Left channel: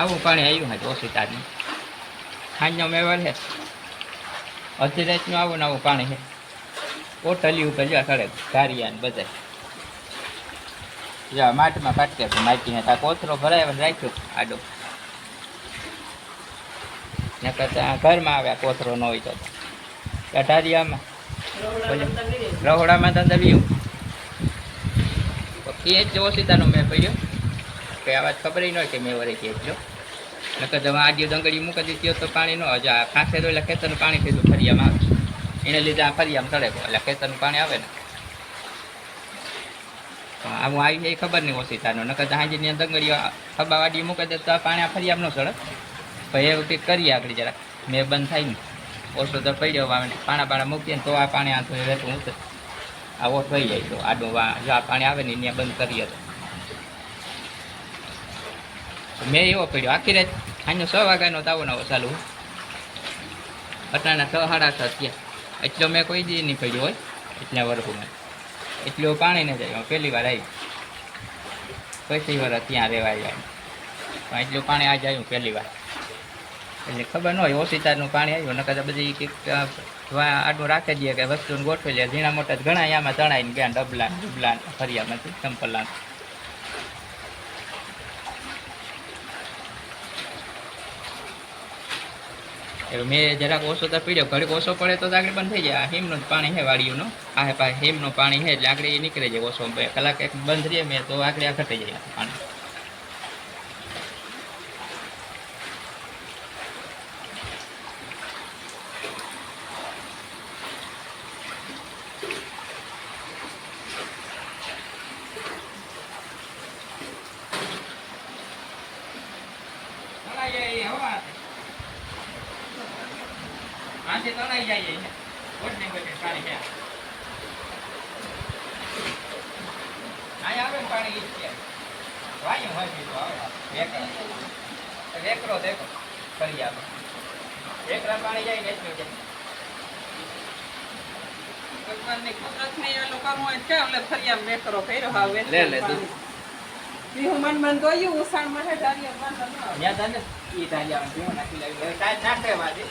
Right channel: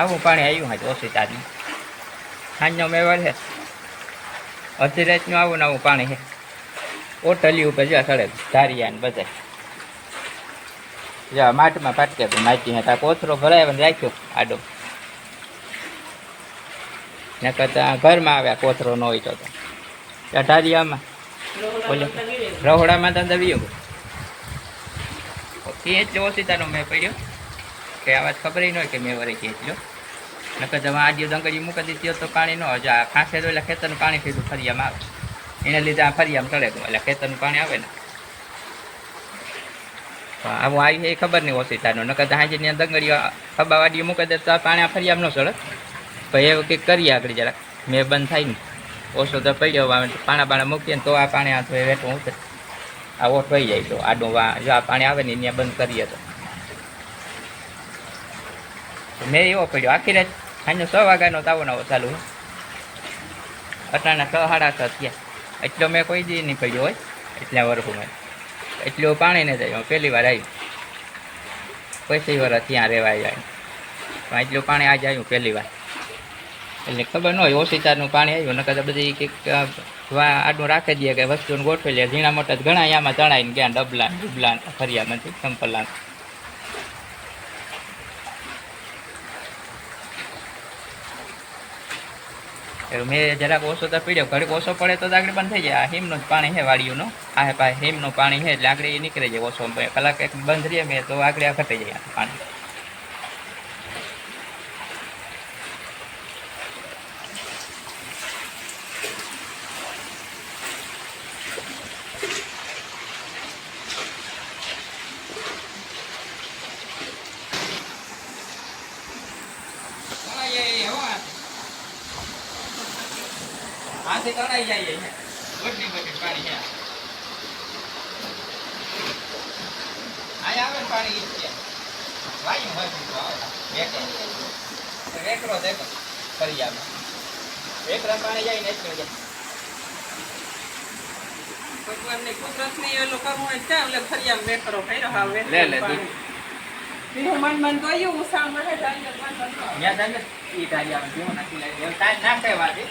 આવું પાણી આવ્યું હા ઓછી તારનું સાંજનો મેવાડ છે અડધી રાતનું આવું ને આવું પાણી છે ઓટલી ઉપર જ્યાં સડે ધારિયા ને બધા જ્યાં માટમાં ફાટકે માટી હતા કોથરો ભરાય રાખ્યો આડો ને કરતા ઘરમાં આવ્યા કોથરો ન હોય તો ત્યાં ધારિયામાં રહોડામાં તો દવ્યું એટલો ઓછીતાનો મેં પડ્યો કે આવાજ ખબર ન હોય કે મેં વરે એટલો નકર તમે આડિયો દંગડી મૂકી દીધી તો પાણી ન હોય આ ખાંસે તો એટલે ખેતરનું પાણી સીધું ફરિયામાં આવે એને લીધે આ ફરિયામાં ચડે એટલે ખેતરનું પાણી આવે ને આવું આવી એ ખબર નહીં ઓછીતાનું નકર હાજી ત્યાં દંગડીઓ ખબા વાડી મૂકી દે તો પાણી આ ફરિયામાં ન ચડે પછી એવું કંઈક કરીએ આગળ જરાક મેં બંધ થાય ને ઓછો તો પડ્યો પાણા મૂકીએ ને તો આ પાણી આ રેટું ઉતરે આ ઓઠ થઈ જાય તો આડું જો આ પાણી આવે ને ત્યાં બંધ કરીએ તો મેં એવો પડ્યો આખી રાત સાંજનો 6 વાગ્યાનો તાવો નવો ચાલુ અટાણા 6 સાડા 6 થયા એટલો મેં કોઈ દી નહીં પડ્યો હોય એટલા વર્ષમાં એટલું પાણી નહીં થાય પહેલી વાર આવ્યું પછી વર્ષ ત્યાં રહેવા આવ્યા પણ એટલું પાણી આજે આવ્યું પહેલી વાર એટલે ખબર ન હોય ઓછીતારનું પાણી આવ્યું નકર બધી કંઈક આડું રાખી દઈએ કે વસ્તુને ગોઠવી લે ઝીણા મોટા ઘણા આમાં ચણાઈને ગયા ડબલા ફરિયામાંથી સંપલા એવું મેં જરાક ઓછો તો પીડ્યો ઘડીક ઓછો પડે તો આગળ બંધ થઈ જાય આ હિમનું જ પાણી છે વાડીઓનો આ પાસે હિમનું પાણી છે એટલે આગળ એ નીકળી જાય ઓછો કલાક એક બંધ રહીએ મેં તો આગળ આ ઘટી જાય પાણી આથી તણાઈ જાય છે ગોઠની પાણી છે અહીંયા આવે ને પાણી ઈ છે વાયું હોય બીજું આવે વેકરો દેખો ફરિયામાં વેકરા પાણી જાય ને એટલું જાય ભગવાનની કુદરતની એલું કરવું હોય છે એટલે ફરિયામાં વેકરો કર્યો હવે લે મન દોયું ઉસાણ મળે ડાળીઓ વાંધો ન આવે યાદ આવે ઈ ડાળિયામાં જીવો નાખી લાવી એવું તાજ નાખે વાજે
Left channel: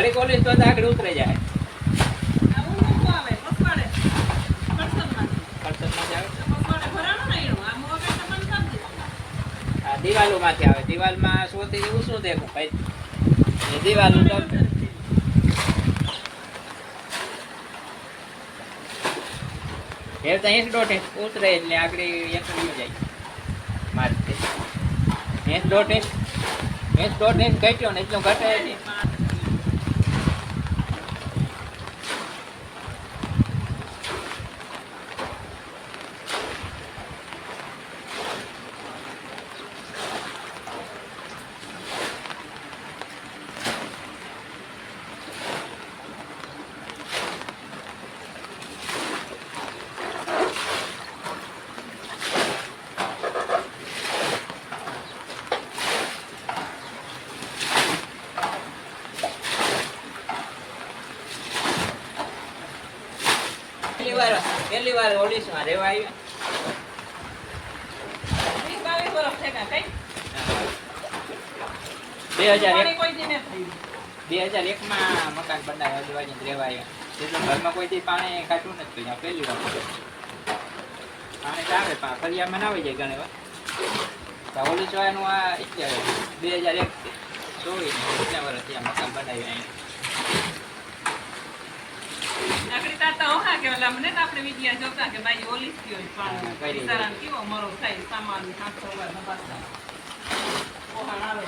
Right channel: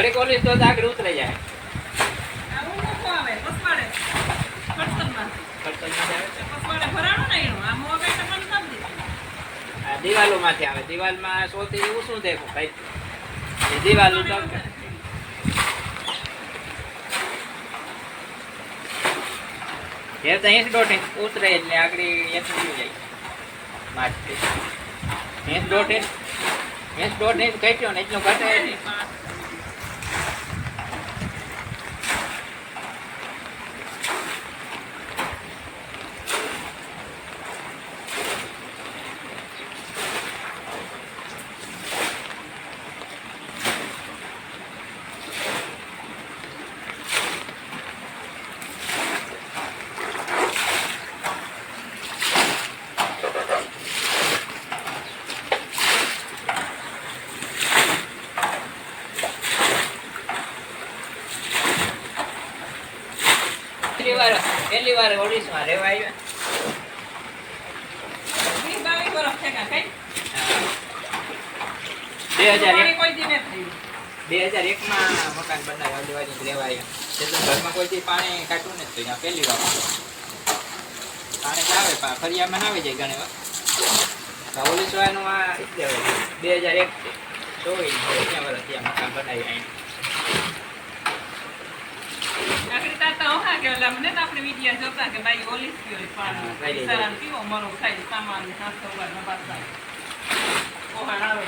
ઘડીક ઓલી તો આગળ ઉતરી જાય. આવું નહોતું આવે પસવાડે કરસનમાંથી. કરસનમાંથી આવે. પસવાડે ભરાણો ને એનું આમ વગર તો બંધ કરી દીધું. આ દિવાલોમાંથી આવે. દિવાલમાં સૌથી એવું શું છે ભાઈ? એ દિવાલો તો એ તો 80 ઉતરે એટલે આગળ એટલું જાય. માથે 80 કટ્યો ને એટલું ઘટે નહીં. પહેલી વાર ઓડિશમાં રહેવા આવ્યા. 22 વર્ષ થયા કઈ 2001 કોઈ દી ન થયું. 2001માં મકાન બનાવ્યું આજુબાજુ રહેવા આવ્યા. એટલે ઘરમાં કોઈ દી પાણી કાઢવું નથી. તો અહીંયા પહેલી વાર પાણી આવે ફરિયામાં ના આવી જાય ઘણી વાર. તો ઓડિશાનું આ એટલે 2001 24 વર્ષ ત્યાં મકાન બનાવ્યું અહીંયા. આખરી તાતા ઓહા કે ઓલા મને તો આપણે વિડિયા જોતા કે ભાઈ ઓલીસ ગયો હા, પણ સારા કેવો મરો ખાઈ સામાન 700 વાર નબાસા ઓહાણ આવે.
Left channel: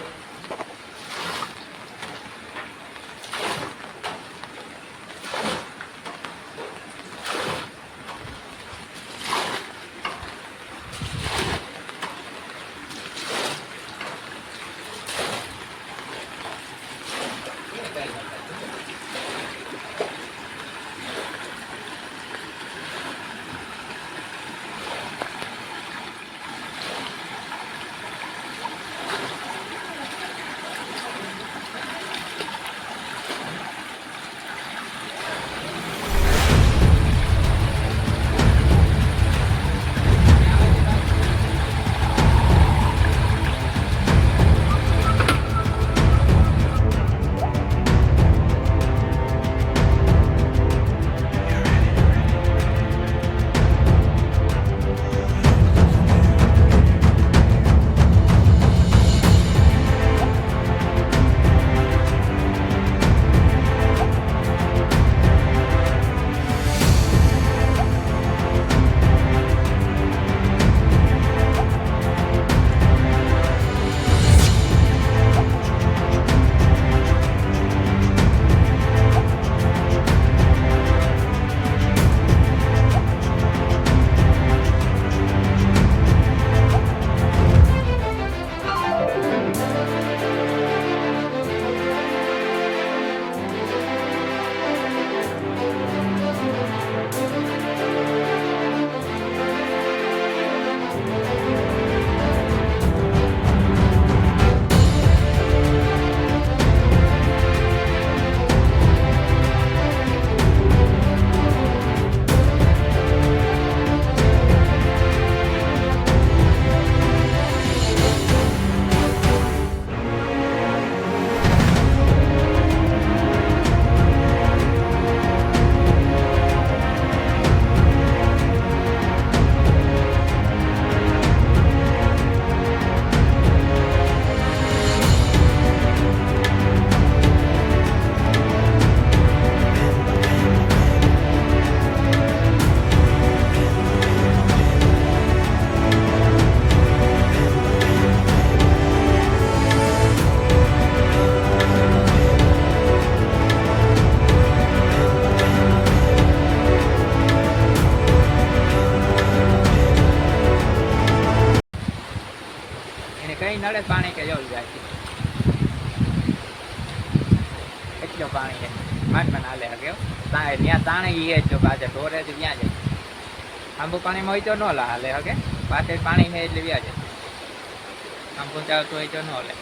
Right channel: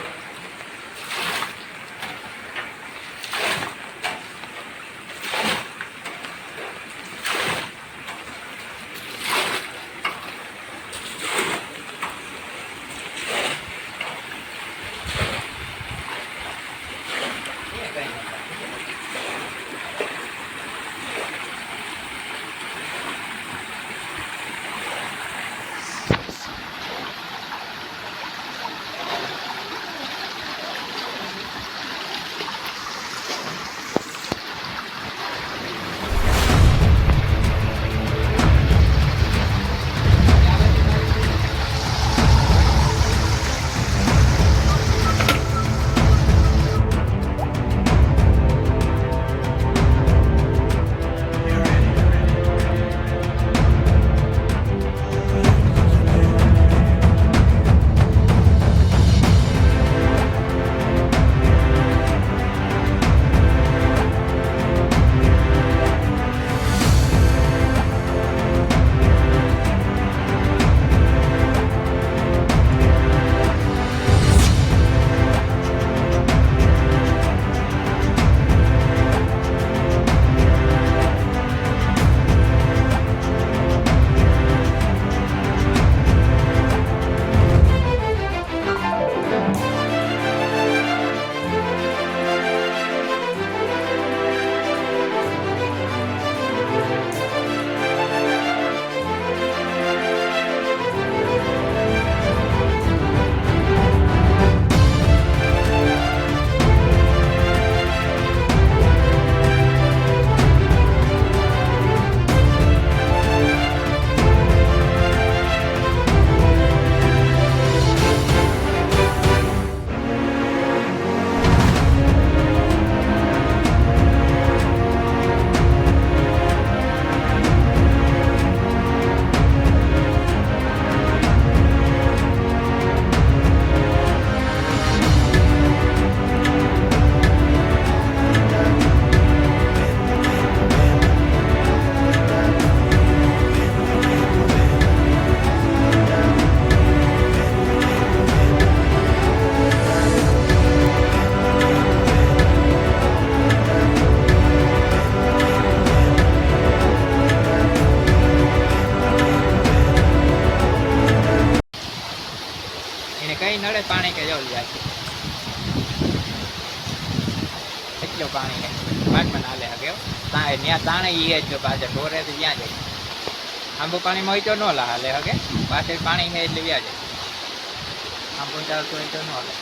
કઈ નડે પાણી કે જવું જાય એટલું પાણી છે માંડ હાલે હકે ત્યાં તાણે એ જ પાછળ ઢોરે તો ત્યાં જાય આંબુ પાણીમાં હોય તો ન હાલે હકે પાછળ પાણી છે એટલે વ્યા જાય આંબુ ચાલતું હોય તો ન હાલે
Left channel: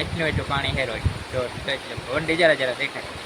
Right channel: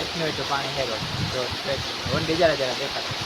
એટલું પાણી હેરો જો એટલું જરા જરા દેખાય